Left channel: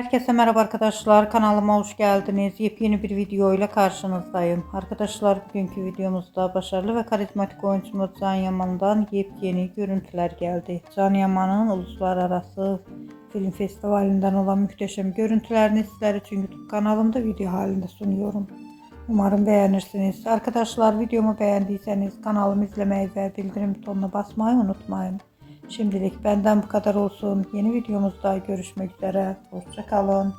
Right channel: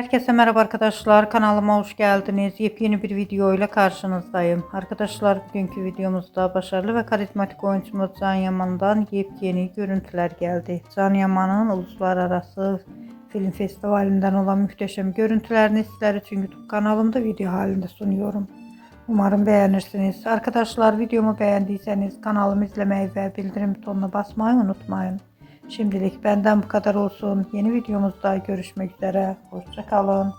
Herkese merhaba arkadaşlar, kanalıma hoş geldiniz. Yepyeni bir video ile karşınızdayım. Arkadaşlar, bugünkü videomuzda başarılı ve karizmatik oyuncumuz Can Yaman'dan yepyeni görüntüler geldi. Can Yaman'ın uluslararası film festivalinden olan muhteşem görüntülerini sizler için YouTube kanalımda video halinde sunuyorum. Umarım beğenirsiniz. Arkadaşlar, videomu beğendiyseniz kanalımı izlemeyi ve bildirim butonuna basmayı unutmayın. Şimdilik benden bu kadar olsun. Yeni videomuzda görüşmek üzere. Hoşça kalın.